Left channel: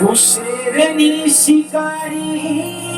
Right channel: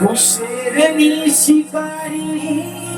Você é minha cigarrinha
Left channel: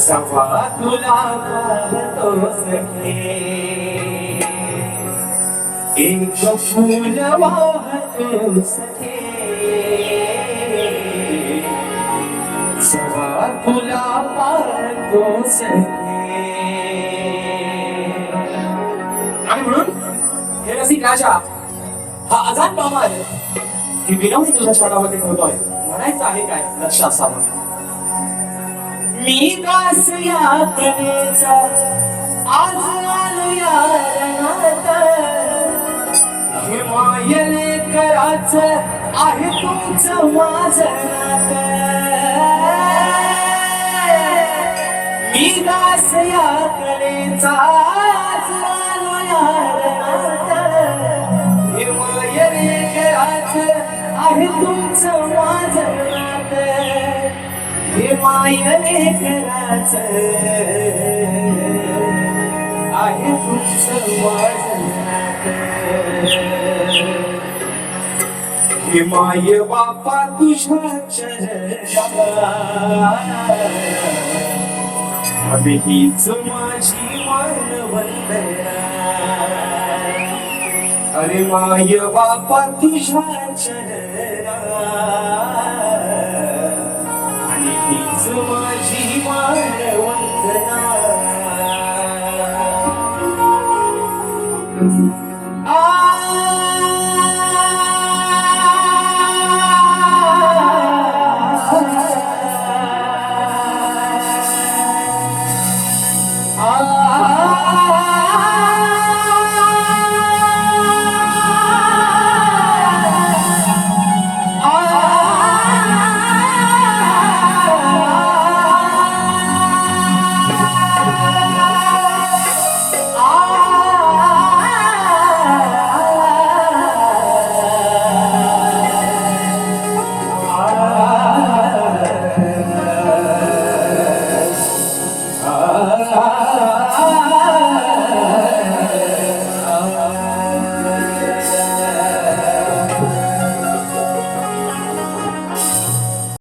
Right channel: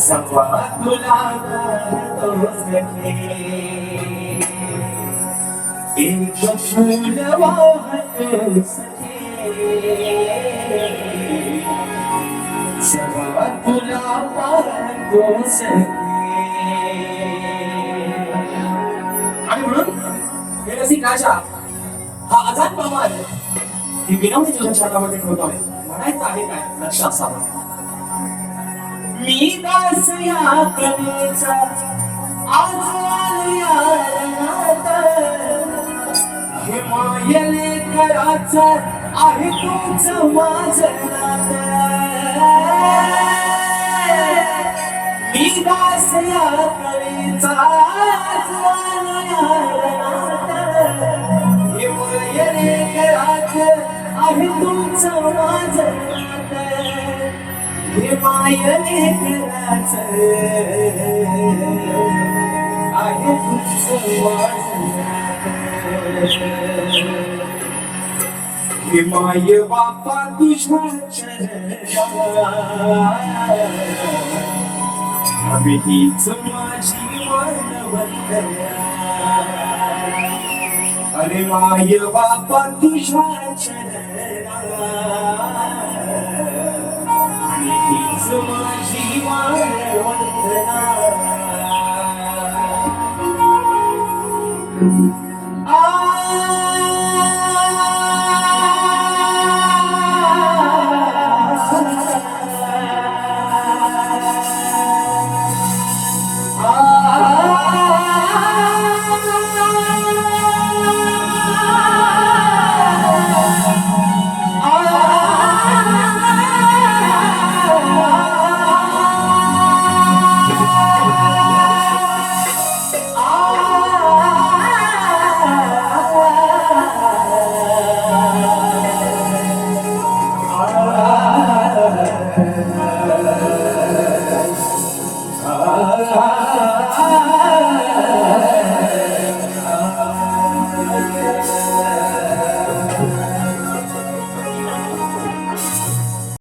सवा तुला तो सखे एक फूल वाहतो सखे सवा तुला पाहतो सखे आणि म्हणून हे रसिक राजा हा आझाद मामा आहे ही विनवणी तुझ्या शब्दामध्ये करतोय म्हणायचं आहे काय लक्ष असावं मी दास यात्रेचा आज आलया रणात. हे मायले आहे तुमच माझं नातं. मी दास यात्रेचा आज आलया रणात. हे मायले आहे तुमचं माझं नातं. हे मायले आहे हे माय बापा तुझ्या हीच माझी मानवंदना अरे माय बापा तुझ्या चरणा Oh Bye.